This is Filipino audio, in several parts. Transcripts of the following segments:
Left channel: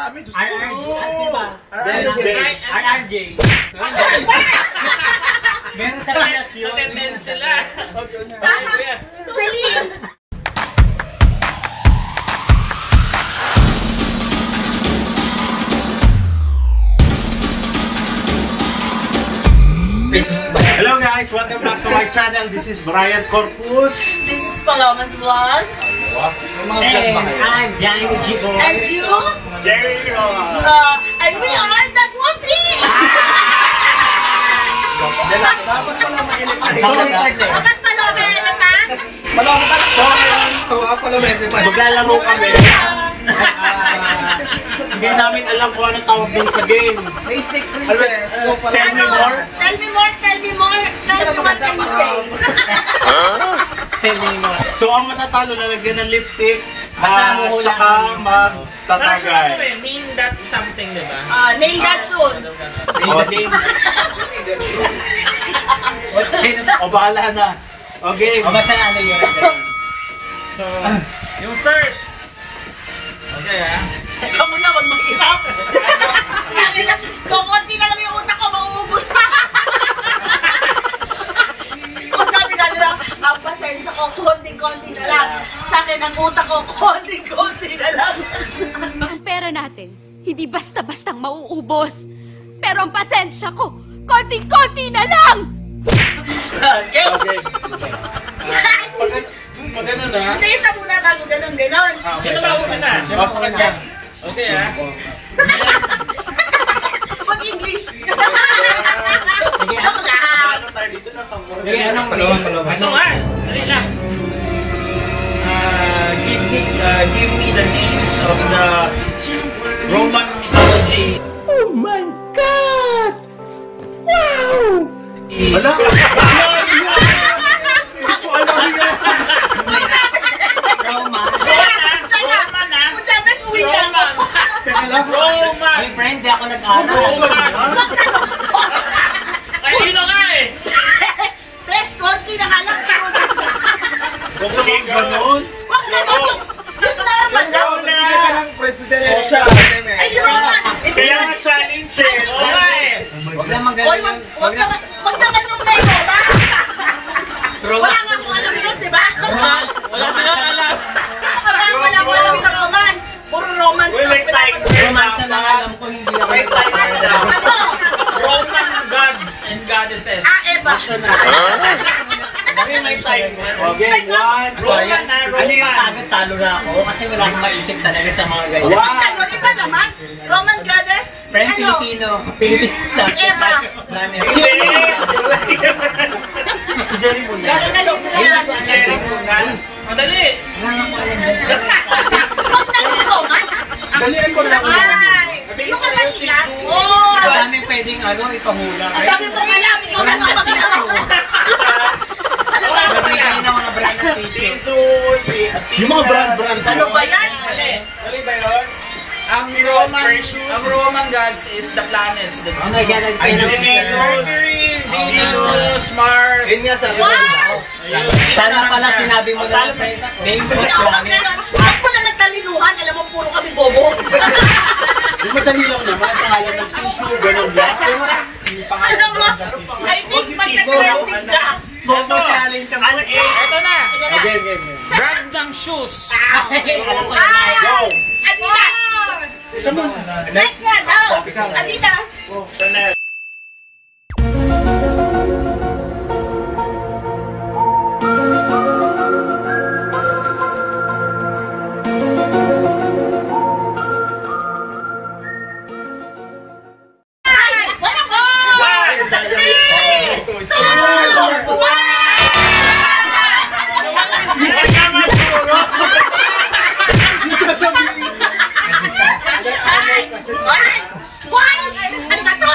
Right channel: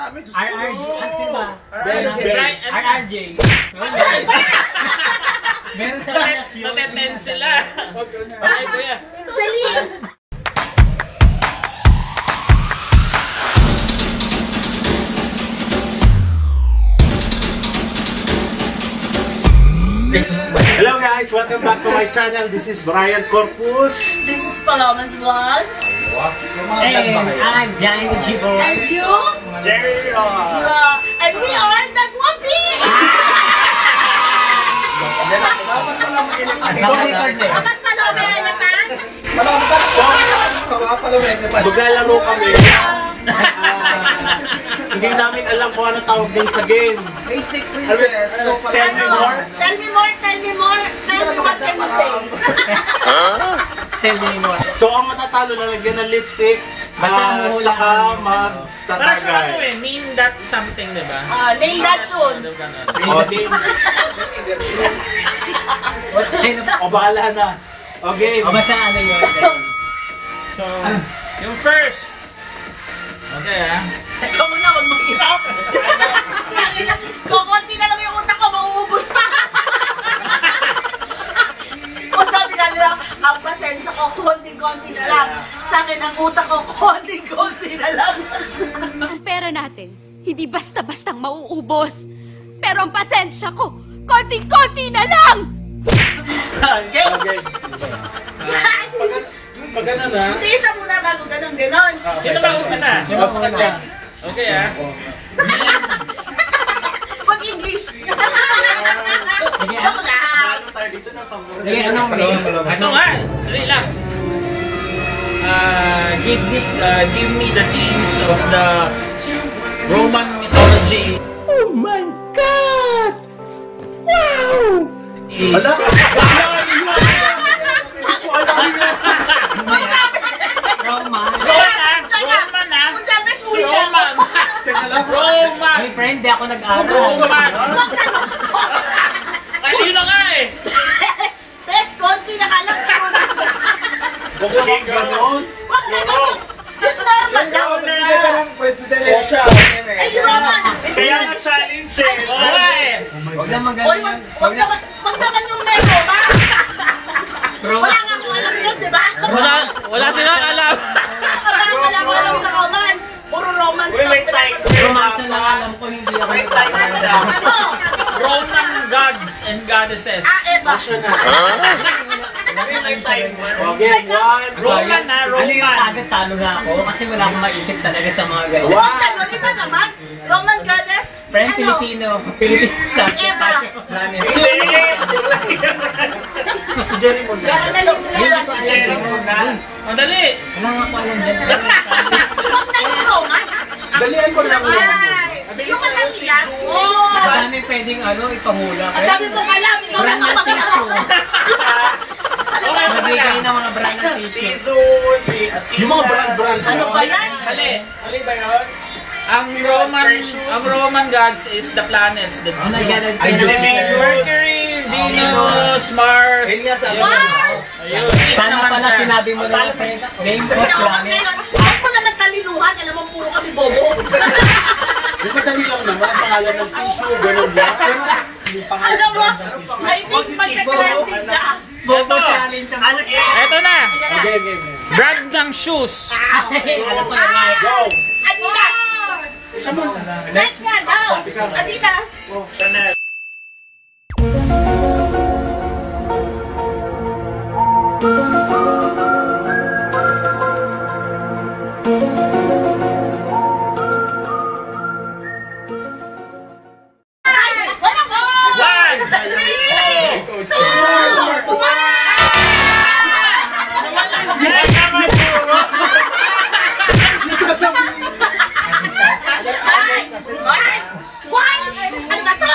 dami. RRJ. Sino ba? RRJ. Meron sa Pinas yun. Natenten sila. Celine. Hello guys, welcome back to my channel. This is Brian Corpus. This is Palomas Vlogs. And I'm Johnny Jibo. And you? Jerry. And we are the Guapi! Dapat pala may Bakit pala may elephant? maglalaro kami. Hindi namin alam kung anong tawag din sa game. Mystic Princess. Tell me more. Tell me more, tell me more. Tell me what can you say? Tell me more. So ang matatalo na lagyan ng lipstick, Basta mo saka Parang magtatagay. name that something, diba? Name that soon. O bahala na. Okay. O basta ano yun. So, yung first. Okay, Teka muna, wag mag-irap. Kukunti na lang yung utak ko, mauubos pa. O sabi nga nila, ang pasensya ko, konting-konti na lang. Sa akin, ang utak ko, konting-konti na lang. Ang pera natin, hindi basta-bastang mauubos. Pero ang pasensya ko, konting-konti na lang! Okay. Pag ano na. Hindi, isa muna bago ganun-ganon. Sino ba una na? Okay, Mag-English. Joke lang. Lagyan ka ng Ano nga? Dali lang. Give me the names of the Roman mythology. Oh my God! Wow! Wala ka. Ay, friend, di ako nag-aral. Kanino nga eh? Best, konti na ka lang. Huwag ka bang ganon. Huwag ganon. Yung normal lang. Ay, Roman. Kaya nga challenge eh. Wala eh. Huwag naman Oy, ganun. wag naman yung name mo, ba? Wala nga akong alam yun, di ba? Wala silang alam. Wala ko alam sa Roman. Puro Roman stuff. Romansa na alam ko, hindi ako nag-aral. Ano? Roman gods and goddesses. Eva. Okay, one. Roman na, Ano yung Roman. agad talo na ako kasi wala akong maisip talaga sa mga ganyan. Ang gano'n, iba naman. Roman goddess. Si Friend, ano? Filipino sa Si Eva. Si Jerry mo na. Jerry Muna. Madali. Wala nga ko alam dyan. Huwag na yung Roman. Dalian ko lang yan. Ay, yung madali lang. Ang dami pwedeng ipahula. Ang dami mong alam. Ikaw na lang mag-alam. Magbigay ng mga brand ng tissue. Yung mga brand. Ano ba yan? Mali ba yun? Ang Roman gods is the planets. Oh my God, Mercury, Venus, Mars. Mars! sana pala sinabi mo na lang, friend. Game for planet. Huwag mo naman taliluhan. Alam mo, puro kami bobo. Yung madali lang naman. Pangalan ng tissue, ganun lang. Alam mo, I think magka-trending ka. Bobo challenge ang Eto na. Okay. Brand ng shoes. Alam ko na nga. Go! Adidas! Nike nga daw! Adidas! Ay! Wala ko! Why? Ano ba to?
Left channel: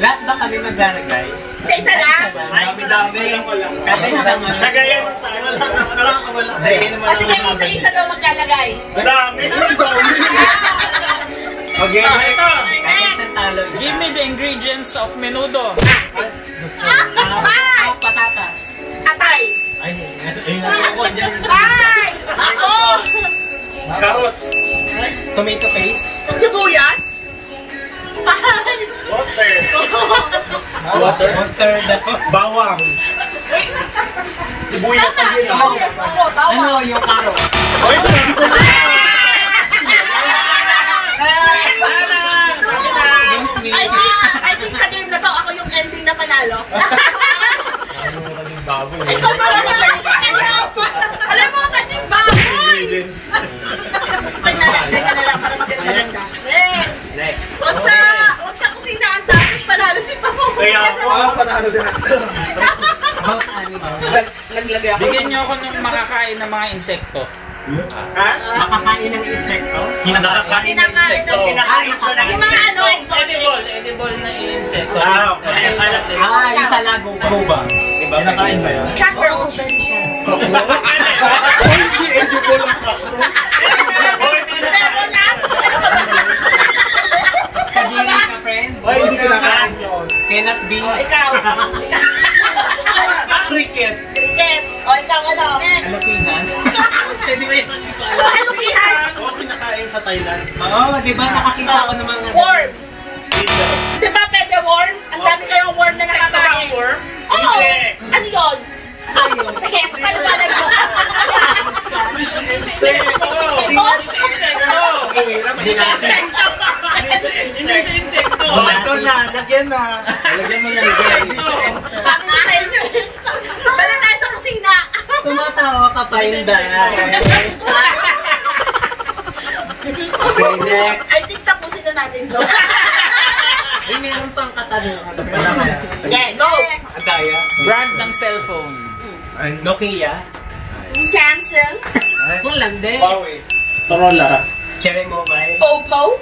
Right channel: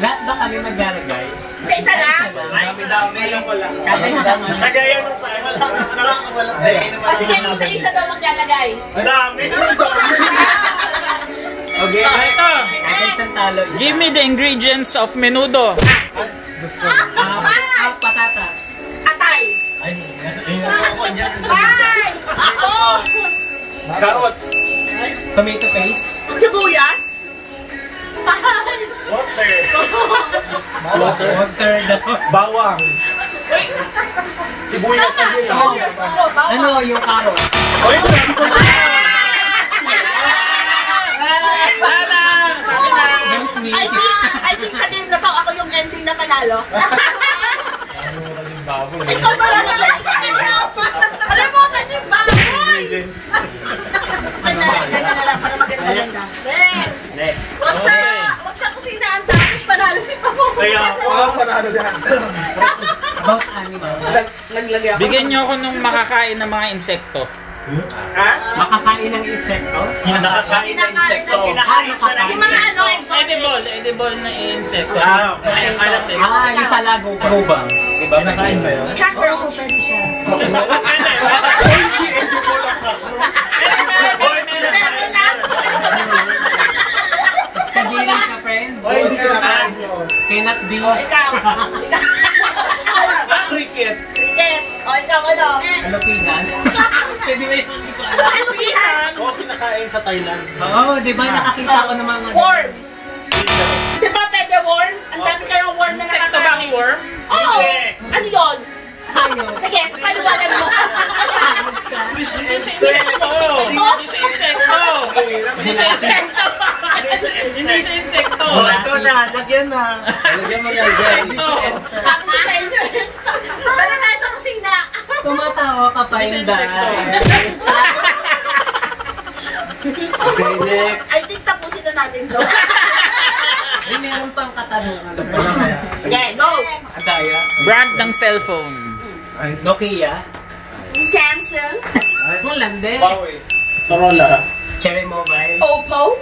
Lahat ba kami maglalagay? Hindi, isa lang. Dami lang wala. Kada isang ano. Nagaya mo sa akin. Kasi kayo isa-isa daw maglalagay. Dami. Okay. Ito. Kada isang talo. Give me the ingredients of menudo. Patatas. Atay. Ay, ako dyan. Carrots. Tomato paste. Sibuyas. Water. Water daw. Bawang. Sibuyas Tama, yun. sibuyas ako. Bawang. Ano yung carrots? Ay, sabi ko na. I think sa game na to, ako yung ending na panalo. Ikaw ba lang naman? Alam mo, naging baboy! Ganyan na lang para maganda-ganda. Next. Wag sa kusinaan tapos panalo si Pamo. Kaya po. About animal. Bigyan niyo ako ng makakain ng mga insekto. Ha? Makakain ng insekto? Nakakain ng insekto. Kinakain siya ng Yung mga ano, exotic. Edible na insekto. Ah, yung sa lago. Proba. Diba? Nakain ba yun? Cockroach. Hindi, edible ang cockroach. Pero na. Kagiri ka, friend? Ay, hindi ka nakain yun. Cannot be. Ikaw. Cricket. Cricket. O, ikaw ano? Alopinas. Pwede ba yun? Hindi ko alam. Ano yan? Oo, kinakain sa Thailand. Oo, di ba? Nakakita ko ng mga... Worm. Di ba pwede worm? Ang dami kayong worm na nakakain. Oo. Ano yun? Sige, paano ba alam mo? Hindi siya insekto. Oh, ikaw na, lagyan na. Lagyan mo na lagyan. Sabi ko sa inyo. Bala tayo sa kusina. Tumatawa ka pa yung dahil. Okay, next. I think tapusin na natin to. Ay, meron pang katanungan. Yeah, go. Kaya? Brand ng cellphone. Nokia. Samsung. Walang din. Huawei. Motorola. Cherry Mobile. Oppo.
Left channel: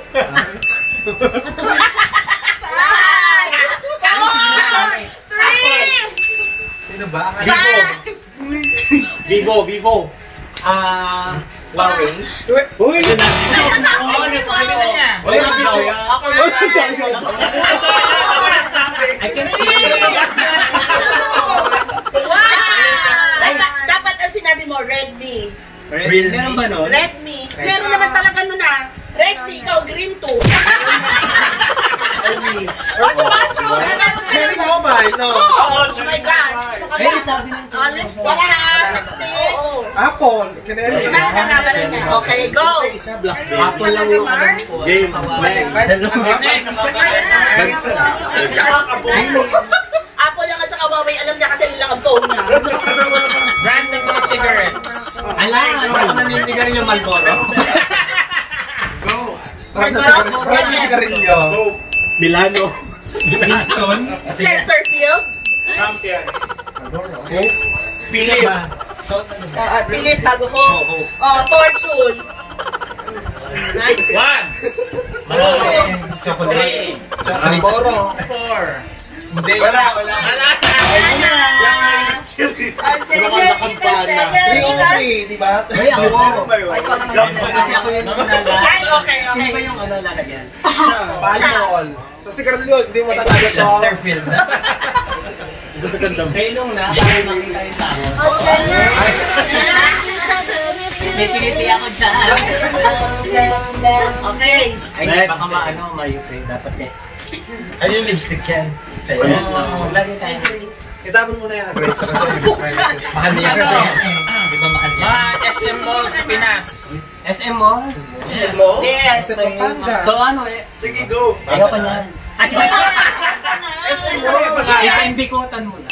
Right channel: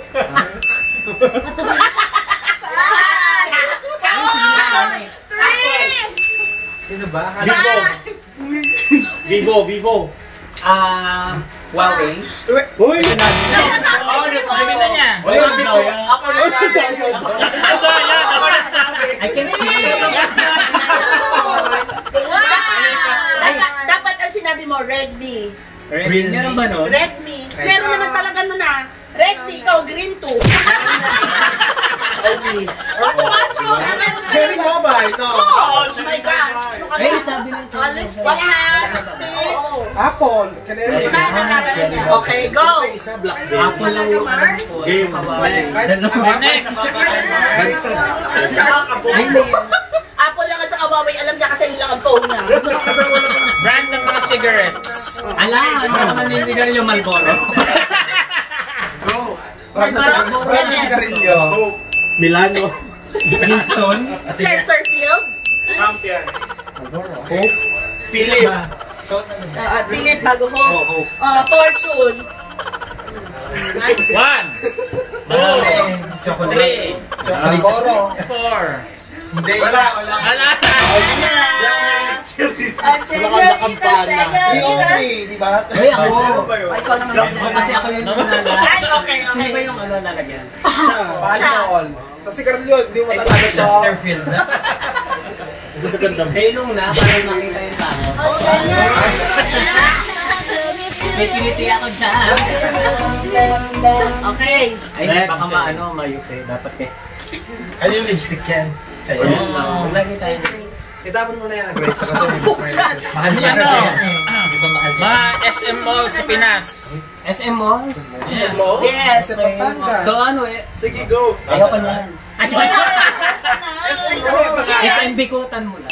Sino ba? Vivo. Huawei. Uy! I can feel it. Dapat ang sinabi mo, Redmi. Meron ba nun? Redmi. Meron naman talaga nun ah. Redmi, ikaw, green 2. What was wrong? Cherry Mobile, no? Oh my gosh. Ano ka Ay, ba? sabi ng Cherry Wala. Mobile. Oo. Apple. Canary. Okay, go. Apple lang yung alam ko. Game. Next. Ay, may... Apple lang at saka Huawei. Alam niya kasi yun lang ang phone niya. Brand ng mga cigarettes. Ala, ano ka naninigarin yung Marlboro? Milano. Winston? Chesterfield. Champion. Coke? Philip. Philip bago ko. Fortune. 1, 2, 3, 4. Wala. Senorita. Di ba? Ay, ako. Ikaw naman. Kasi ako yung nalala. Ay, okay. Sino ba yung nalala niyan? Paano? Kasi Carlo, hindi mo talaga Chesterfield na. Kailong na, para makita yung tao. May piniti ako dyan. Okay. Ay, baka maano, mayupi. Dapat eh. Ano yung lipstick yan? Lagi tayo. Itapon mo na yan ang Grace kasi mahal niya ka yan. Mga SM Mall sa Pinas. SM Malls? Yes. So ano eh? Sige, go. Ayaw pa niyan. SM Bikutan mo lang.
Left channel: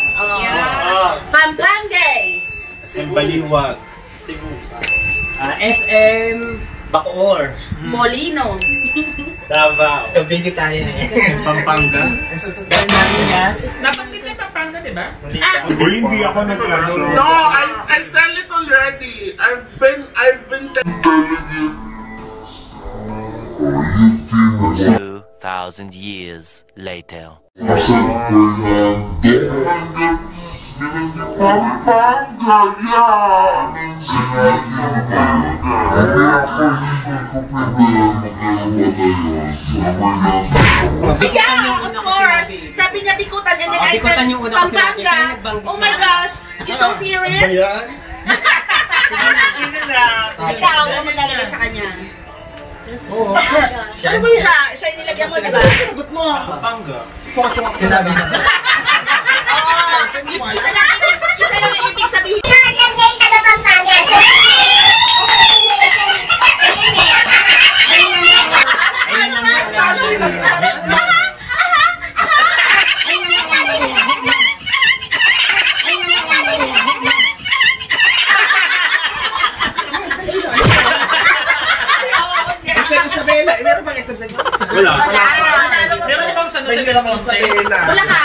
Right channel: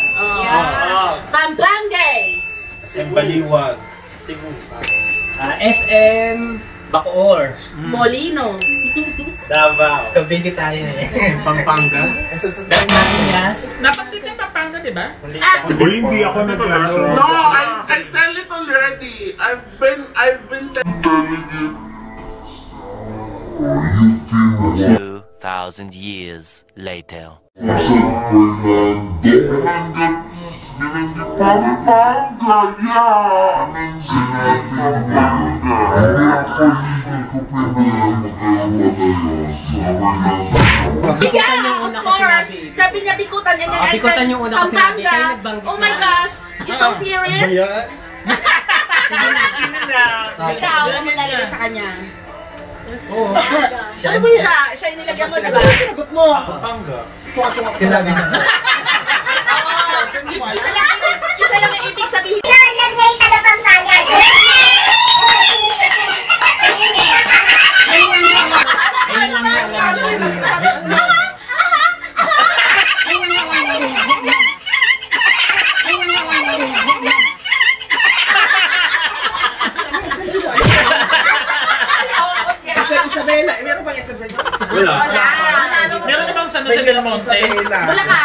Pampanga. Baliwag. Cebu. SM Bacoor. Molino. Davao. Kabini tayo eh. Pampanga. Dasmariñas. Nabanggit na Pampanga, di ba? Hindi ako nag-ano. No, I tell it already. I've been 2,000 years later. Yeah, of course. Sabi niya Bikutan. And then I Bikutan said yung una ko sinabi. Siya yung Pampanga. nagbanggit Oh my na. gosh. You don't hear it? Ayan. Ikaw, ano mo lalagay sa kanya? Ano ba siya? Siya yung nilagyan mo, di ba? Sinagot mo. Sinabi niya. Isa lang ang ibig sabihin. Isabela, meron bang exercise? Wala. Meron bang sa Lucena Monte? Wala ka.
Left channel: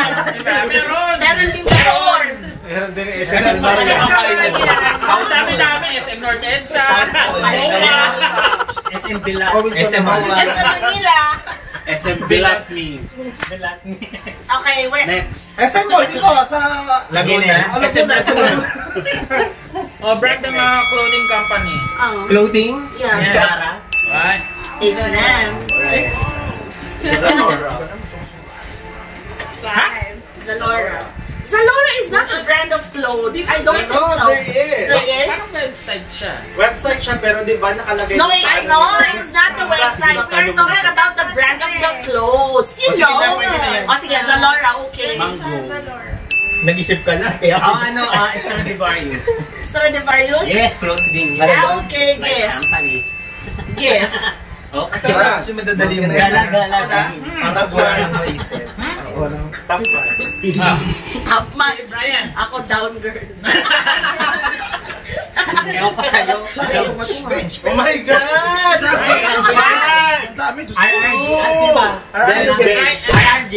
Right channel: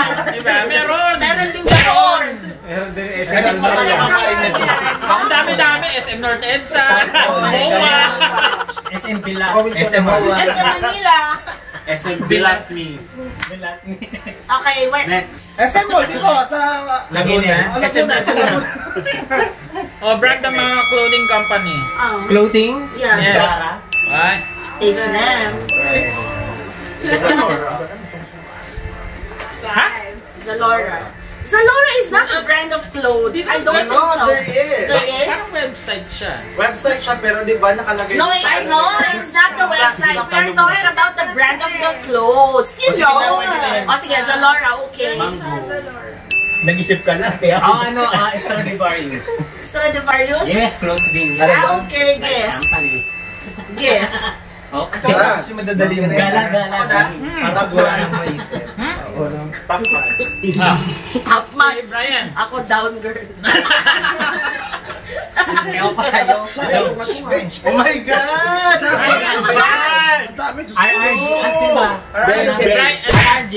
Meron. Meron din before. Ang dami-dami. SM North EDSA. Boma. SM Villa. SM Sa Manila. SM Bilatni. Okay, where? Next. SM Mall, Chico, sa Laguna. Laguna. O, brand ng mga clothing company. Clothing? Yes. Zara? Right? H&M. Zalora. Zalora is not a brand of clothes. I don't think so. There is. There is? Parang website siya. Website siya, pero di ba nakalagay? No, I know. It's not the website. We're talking about the brand of the clothes. You know. O sige, Zalora, okay. Nag-isip ka na, kaya. Stradivarius. Stradivarius? Yes, clothes din. Okay, guess. Company. Guess. Okay. Kasi madadali mo. Gala-gala. Top man. Si Brian. Ako down girl. Ewan pa sa'yo. Oh my God! RRJ. Ano ba? RRJ.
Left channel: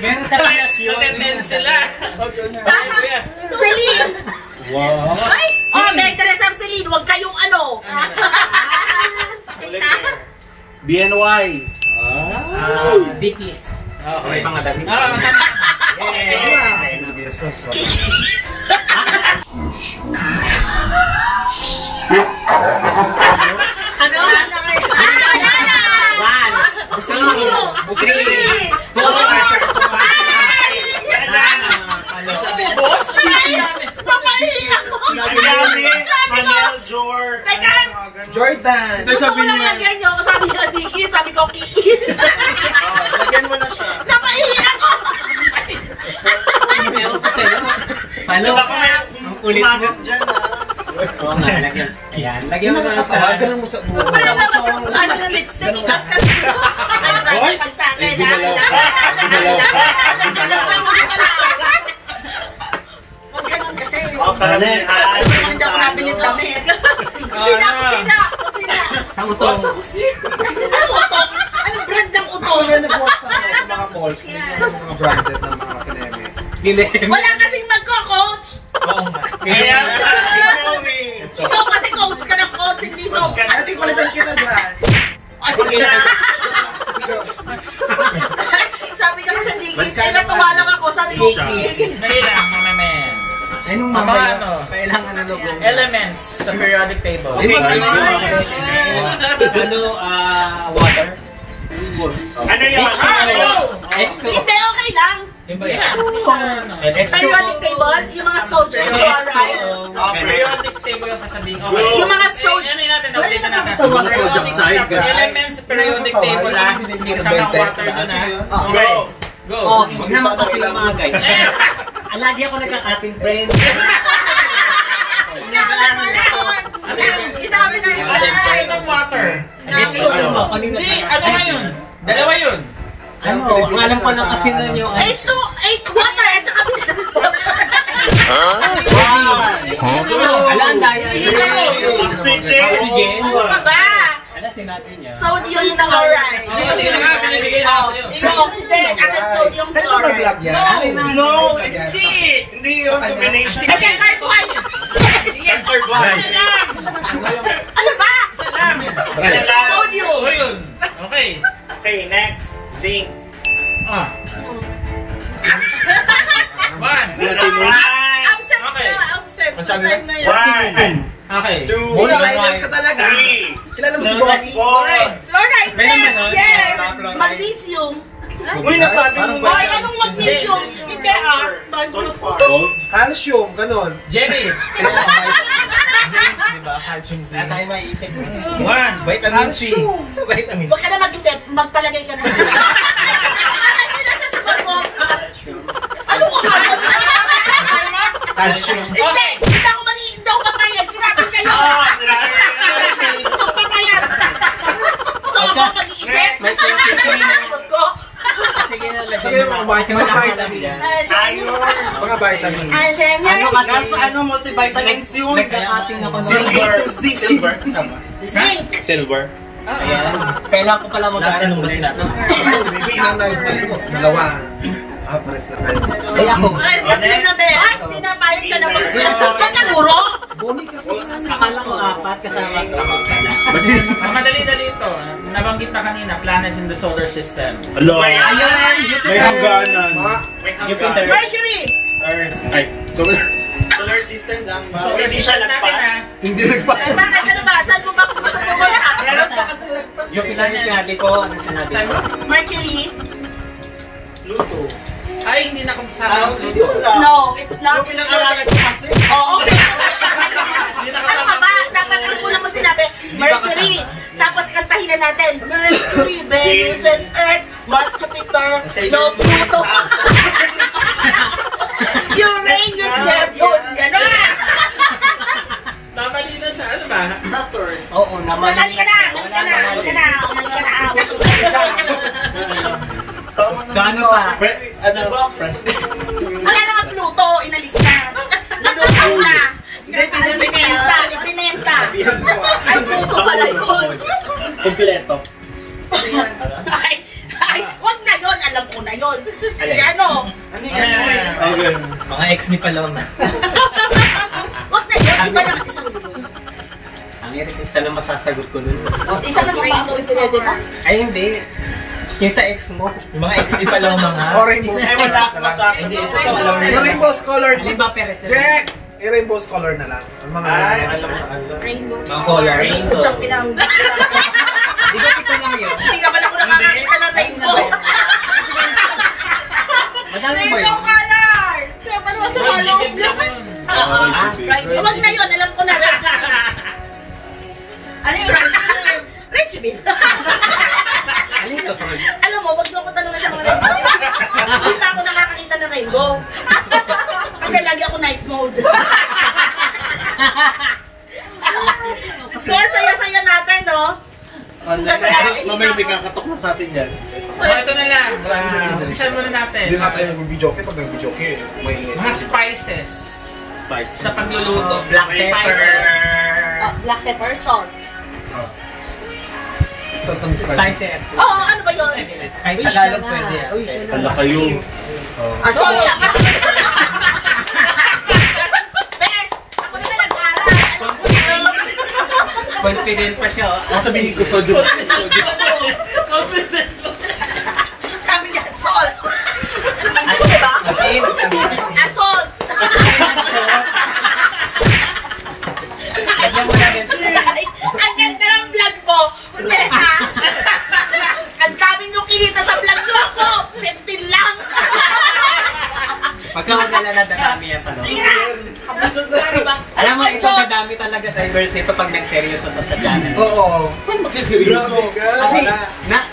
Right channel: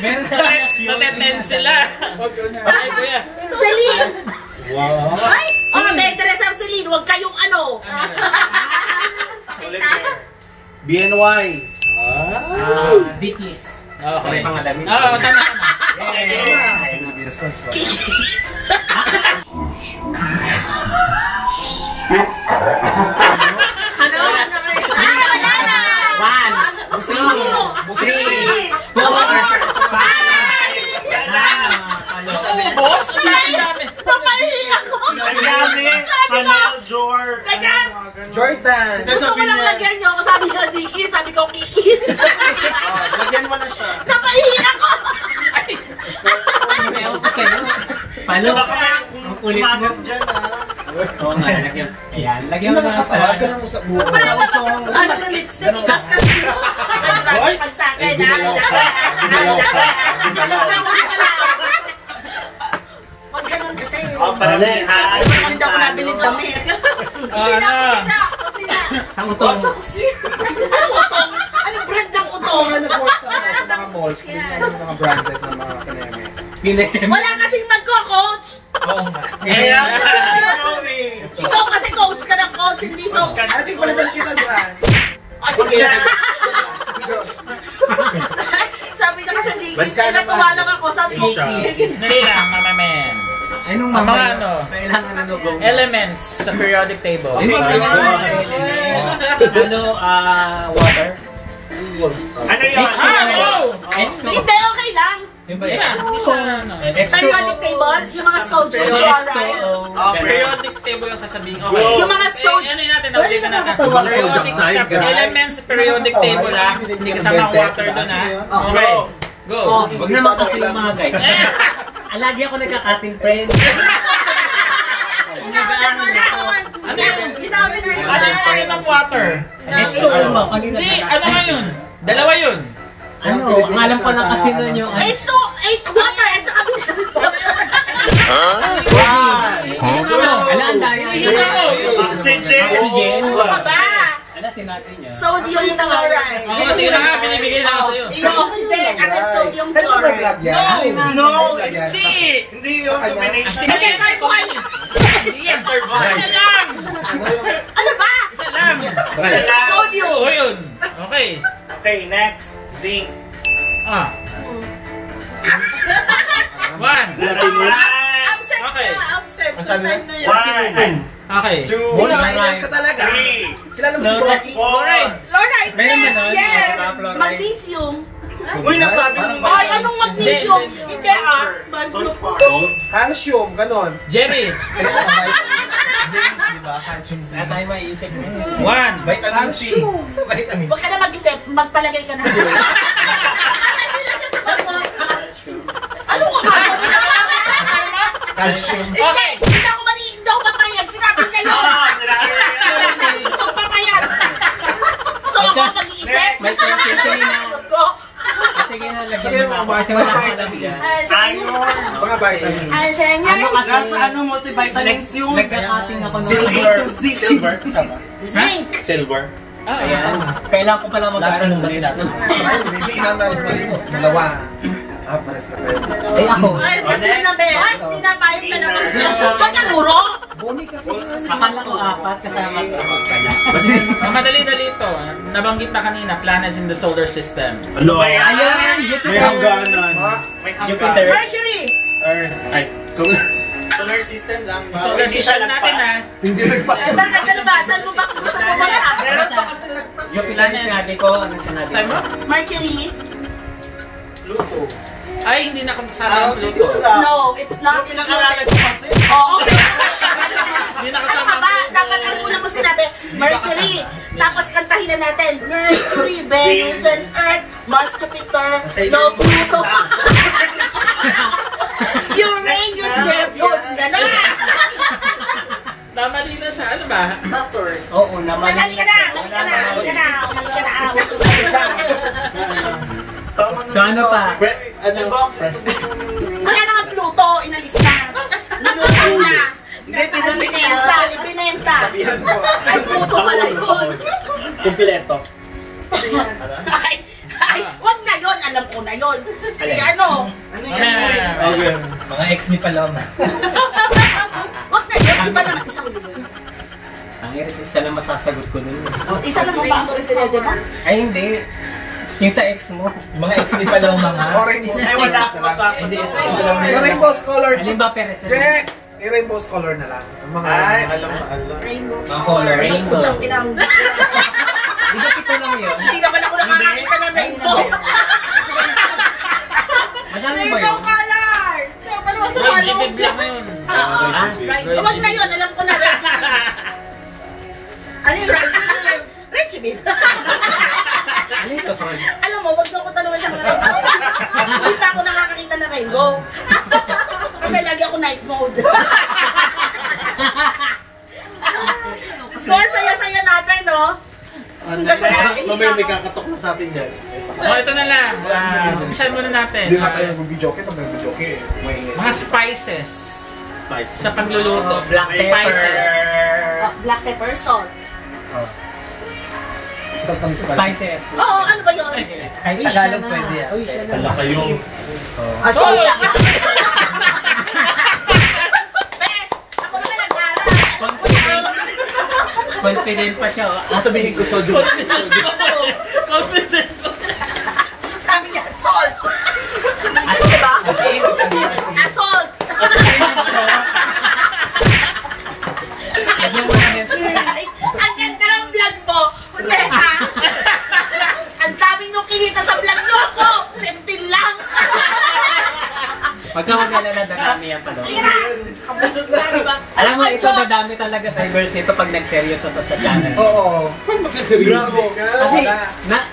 Meron sa Pinas yun. Natenten sila. Celine! Ay! Oh, may interest ang Celine. Huwag kayong ano. BNY. Dickies. Okay. May mga damit. Oo, tama. Ano? One. Three. Boss? Papahihi ako. Chanel, Jordan. Teka. Jordan. Gusto ko lang lagyan nyo. Sabi ko Diki, sabi ko Kiki. Lagyan mo na siya. Napahihi ako. Ewan pa sa'yo. Paano? Ang kulit mo. Dyan, Oo nga, lagyan. Ayan, lagyan mo na sa... mo sa buo. Ano na lipstick? Isas ka siya. Ano ka pag sa akin? Huwag ganun kasi. Hindi ako nabilit damit. Kusina. Sa utong. Anong utong? Anong brand ng utong? Nag-work sa mga malls. Hindi nga mga branded na mga kineme. Ginem. Wala kasing magko-coach. Oo nga. Ikaw kasi coach ka ng coach, hindi so. Ating palitan kita, Brad. Sige. Sabi niya kasi Dikis, eh natuwa lang ako. Sabi ko, Hindi lang, mama men. Anong Mga mga ano? kailangan na logo? Elements sa periodic table. Water? Ano yun? H2. hindi, okay lang. Periodic table, yung mga sodium chloride. Periodic table yung sasabihin ko. Yung mga sodium. Ano natin, update na natin. Elements sa periodic table ha. Hindi kasama ang water doon ha. Okay. Go. Huwag naman kasi yung mga guys. Lagi ako nagka-cutting friend. Nag-aaral ako. Ano yung water? Hindi, ano nga yun? Dalawa yun. Ano, ang alam ko lang kasi nun yung... Water at saka Ala, ang daya. Oxygen. ano ka ba? Ano sinabi niya? Sodium chloride. Sino nga binibigay na sa'yo? Yung oxygen at sodium chloride. No! Hindi yun. Combination. Hindi, kahit ko kayo. Isa lang. Ano ba? Isa lang. Sodium. O yun. Okay. Okay, next. Zinc. One. Absent Okay. siya, absent. Ang sabi mo? Time na yun. Okay. Wala ka talaga. Kilala mo si Bobby? Fluoride test! Meron ba nun? Yes! Mga fluoride. Magnesium. Uy, nasabi mo. Ay, anong magnesium? Hindi Calcium, ganon. Jerry. Diba? Calcium Z. Kaya tayo maiisip mo. 1. Vitamin C. Vitamin C. Huwag ka na mag-isip, magpalagay ka na. Hindi na siya sumagot. Ano ka ba? Calcium. Hindi ako papayag. Sinabi kayo. Hindi ako papayag. So ako mag-iisip. May confusion na. Sagot ko. Sige na, Sabi lagyan mo, mo na. Kasi mga wala ka vitamin. lang. Mga vitamins. Ay, senior. Ano kasi? Nasa ano, multivitamins yun? Nagka-cutting ako ng Silver. Zinc. Silver. Ayan. Kailangan ko pala mag-aaral Ba ulit. sila? Hindi inanayos na mo. Dalawa. Pares na kayo. Ay, ako. Basta na, Bes. Tinapayag ka na magsasagot. Ba't ang uro? Boni kasi. Akala ko 4 kasama ko. Ang madali-dali ito. Nabanggit na kanina, planets in the solar system. Hello. Ayun, Jupiter. May hangganan. Jupiter. Mercury. Ay, solar system lang. Solar system natin ha. Hindi nagpa. Ay, bakit ano ba? Saan mo ba gusto mo ba? Meron pa kasi nagpas. Jupiter yung sinabi ko. Ano sinabi ko? Mercury? Pluto. Ay, hindi na kasama ang Pluto. No, it's not in the kasi. Oo. Hindi na Ano kasama ka ba? Dapat ang kulang mo sinabi, Mercury. Tapos kantahin na natin, Mercury, Venus, and Earth, Mars, Jupiter, no, Pluto. Uranus, Neptune, gano'n. Namali na siya. Ano ba? Saturn. Oo naman. Mali ka na, mali ka na, mali ka na, mali ka na. Awat ko na siya. So ano pa? Wala na nga Pluto, inalis na. Niluto na. Ibinenta, ibinenta. Ay, Pluto pala yun. Kompleto. Ay, wag na yun, alam ko na yun. Si ano? Okay. Mga ex ni Palong. Wag na yun, iba naman isang yun. Ang iris, isa lang masasagot ko dun. Isa naman ba ako isinede mo? Ay, hindi. Yung sa ex mo. Yung mga ex ni Palong na nga. Rainbow. Wala ako masasagot. Yung rainbow color. Alin ba, Perez? Check! Yung rainbow color na lang. Yung mga... Ay, alam na alam. Rainbow. Yung color. Rainbow. Kutsang pinang... Di ba kita lang yun? Hindi naman ako nakakakita ng rainbow. Madami ba yun? color! Ano ba sa Jupiter lang yun. Wag na yun, alam ko na. Ano yun? Richie Bean. Ano ito, Paul? Alam mo, wag mo ako tanungin sa mga rainbow. Hindi pa ako nakakakita ng rainbow. Kasi lagi ako night mode. So, ang saya-saya natin, no? Kasi Mamaya may kakatok na sa atin dyan. Ito na lang. Saan muna natin? Hindi nga tayo mag-videoke. Pag mag-videoke, may... Mga spices. Sa pagluluto. Black pepper. Spices. Black pepper, salt. Spices. Oo, ano ba yun? Kahit Tagalog pwede yan. Uy, siya na. kayo. Salt lang. Bes, ako na nag-aaral. Confident pa siya. Ang sabihin ko, sodio. Sabi niya, salt. Diba? Salt. Lagyan mo na rin siya. Ang ganda ng vlog ko. Kuneta. Ang dami nyo kinita sa vlog nyo ako. 15 lang. Pagka maglalala, dadami yan pa doon. Sige na. Alam mo, ito dadami talaga sa verse nito pag nag-seryoso to sa channel. Oo. Kasi,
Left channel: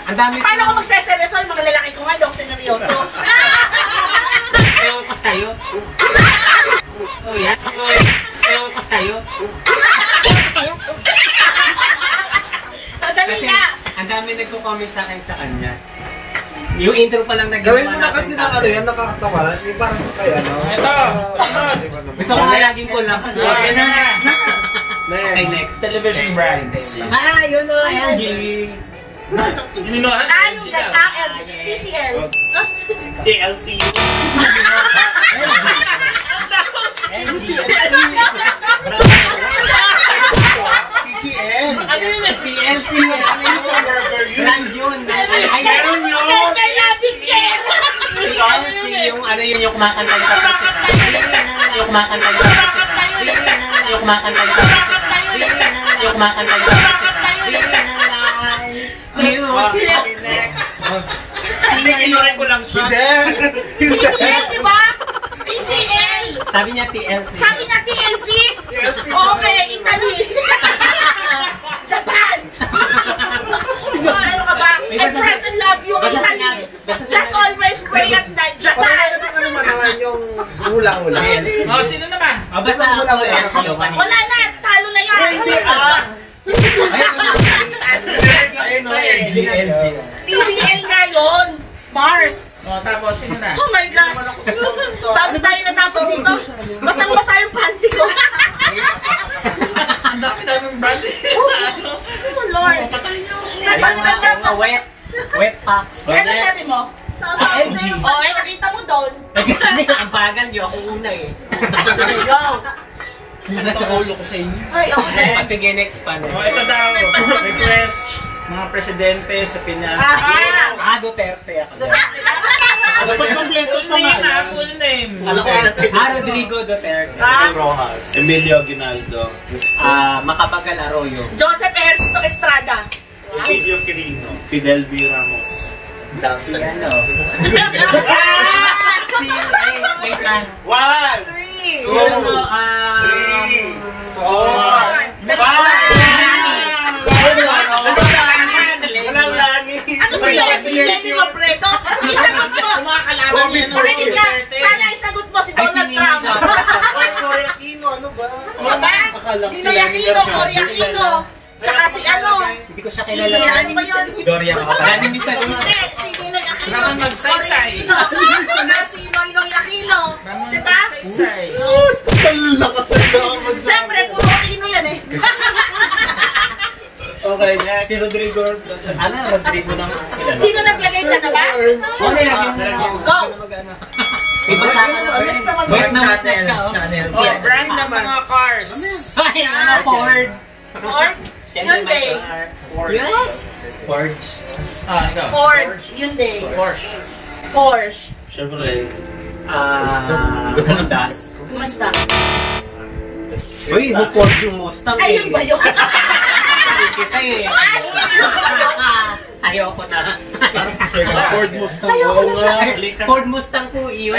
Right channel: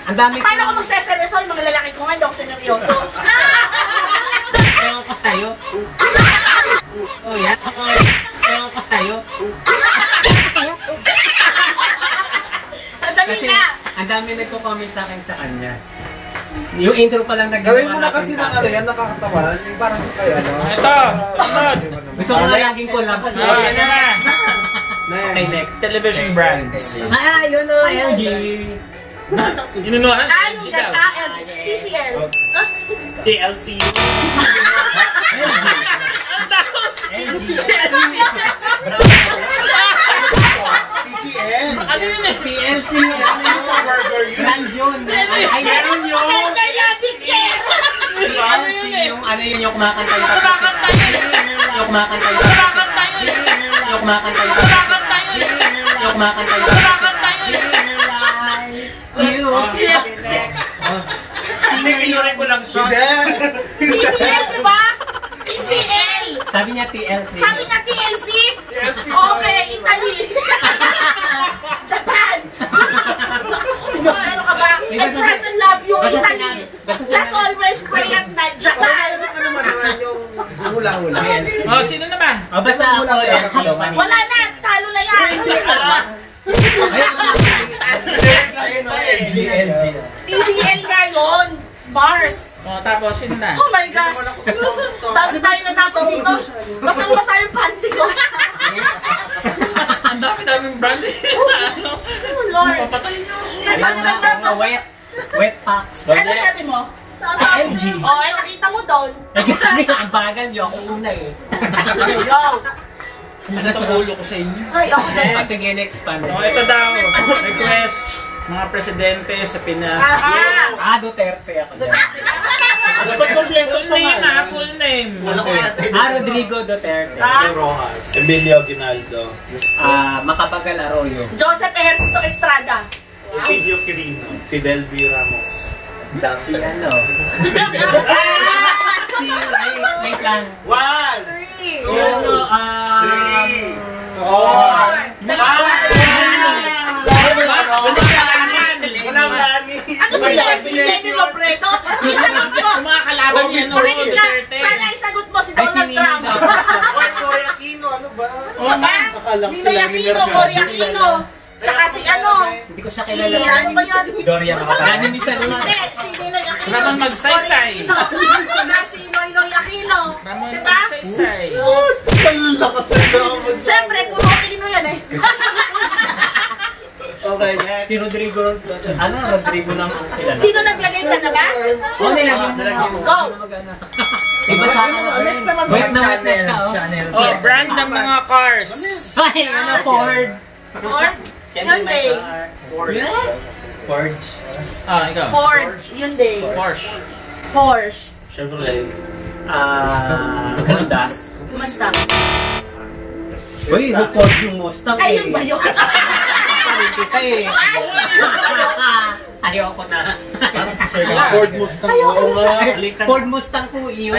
ang dami Paano ko magseseryoso? Yung mga lalaki ko nga, hindi ako seryoso. Ewan ko sa'yo. Oh, yes. Ewan ko sa'yo. Dali Kasi, na. ang dami nagko-comment sa akin sa kanya. Yung intro pa lang nagawa Gawin mo na kasi na ano yan, nakakatawa. Yung parang, ay ano. Ito. Gusto ko nga laging collab. Ayan na na. Okay, next. Television brands. Yun o, LG. Inunuhan? Yung TCL. TLC. TCN. Ano yun eh? TLC. Brand yun. Ay, yun yun. Kay Labing Care. TLC, yung ano yun, yung kumakanta yung tapos. Yung kumakanta yung tapos. Yung kumakanta yung tapos. Yung kumakanta yung tapos. Hindi, kinurin ko lang siya. TCL, di ba? TCL! Sabi niya TLC. Sabi niya TLC? Okay, Italy. Japan! Ano ka ba? I trust and love you, Italy. Just always pray at night, Japan. Ano naman yung hula-hula? Oh, sino naman? O basta ako yung kanina. Wala na, talo na yan. TCL nga yun. Mars. Oh, tapos sino na? Oh my gosh! Bago tayo natapos dito, basang-basa yung panty ko. Ang dami-daming brand. Oh Lord! Mga wet packs. Ano sabi mo? LG. Oh, ay nakita mo doon. Kasi ang bagal niyo, ako una eh. Yo! Natawulo ko sa inyo. Ay, ako din. Sige, next pa. Oh, ito daw. Request mga presidente sa Pinas. Duterte ako dyan. Dapat kompleto name ha, full name. Rodrigo Duterte. Rojas. Emilio Aguinaldo. Macapagal Arroyo. Joseph Ejercito Estrada. Emilio Quirino. Fidel B. Ramos. Si ano? Wait lang. 1, Si ano, Walang lani. Ano si Lenny Robredo? Isagot mo! Kumakalaban niya ng Makinig ka! Duterte. Sana isagot mo si Donald Trump! Cory Aquino, ano ba? Diba? Ninoy Aquino, Cory Aquino! Tsaka si ano? Hindi ko siya Si kilala. ano ba yun? Doria Gani ni Salud. Hindi, si Ninoy Aquino, Ramon si Cory Magsaysay. Aquino, saka si Noynoy Aquino. Diba? Saysay. Lakas na ako. Siyempre, puro Aquino yan eh. Okay, next. Si Rodrigo. Rodrigo ng kilala. Sino naglagay ka na ba? Nilagyan mo na ako. Go! Iba sa akin na Next naman, Wait na channel, siya. channel. Oh, brand ng mga cars. Ay, ano, Ford. Ford? Hyundai. Ford. Ah, ikaw. Ford. Hyundai. Porsche. Porsche. Chevrolet. Honda. Mustang. Uy, Ford yung Mustang eh. Ayun ba yun? Kita eh. Ayoko na. Ford Mustang. Oo nga. Ford Mustang po yun.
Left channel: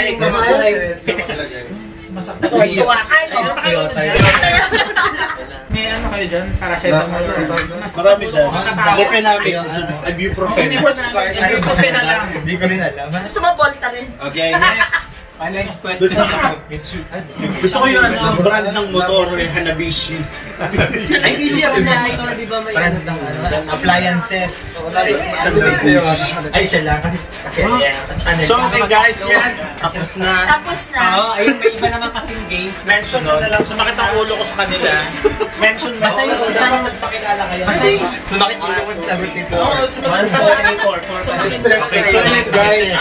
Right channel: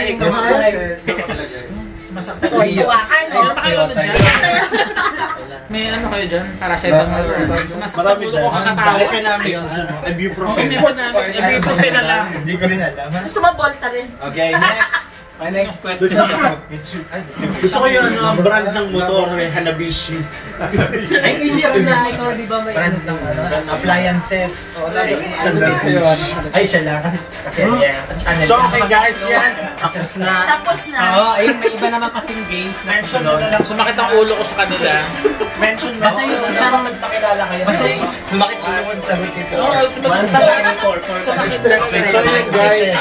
Tuwa ka, no? May ano kayo dyan? Para sa ibang Marami dyan. Makakatawa. Economic. Ibuprofen. Ibuprofen na lang. Hindi ko rin alam. Gusto mo Volta rin? Okay, next. Next question. Gusto ko yung brand ng motor, yung Hanabishi. Ay, kasi yung ito, di ba may Brand ng appliances. Ay, siya lang. Kasi channel. So, okay guys, yan. Tapos na. Tapos na. ayun, may iba naman kasing games na Mention mo susunod. na lang. Sumakit ang ulo ko sa kanila. Mention mo. Basta yung isang... Pakilala kayo. Basta yung... Sumakit ulo ko sa buti po. Oo, One, two, three, four, four, five. Okay, so yun guys.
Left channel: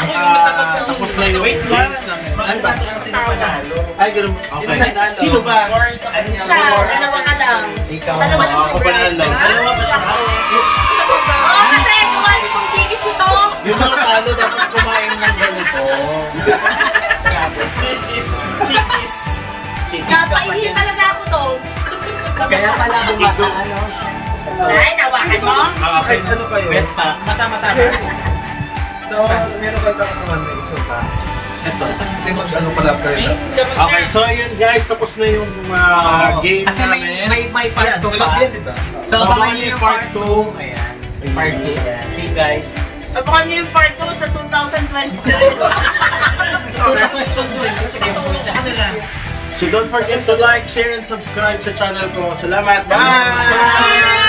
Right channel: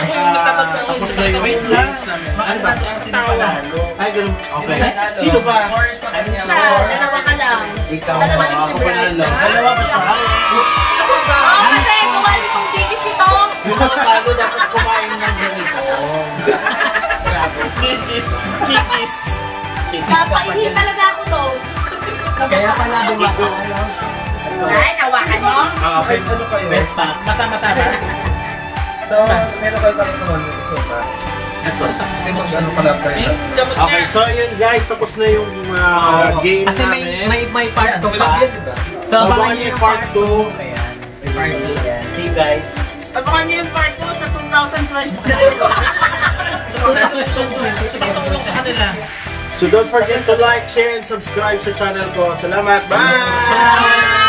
Tapos na yung games namin. Ano ba? Ay, ganun. Okay. Sino ba? Siya, dalawa ka lang. Ikaw. Dalawa lang si Ako panalo. Dalawa ba siya? Oo, kasi kawali kong digis ito. Yung mga talo dapat kumain ng ganito. Kikis. Napaihi talaga ako doon. Kaya pala bumasa, ano? Ay, nawakan mo? Okay. Ano kayo? Wet packs. Masama-sama. Ito, meron kayo kakakuman ng isa ba? Ito. Hindi mag-ano pala kayo. Okay, so yun guys, tapos na yung game Kasi may part 2 pa. Diba? So, abangan niyo yung part 2. Ayan. Part 2. Ayan. See you guys. Abangan niyo yung part 2 sa 2020. So don't forget to like, share, and subscribe sa channel ko. Salamat! Bye!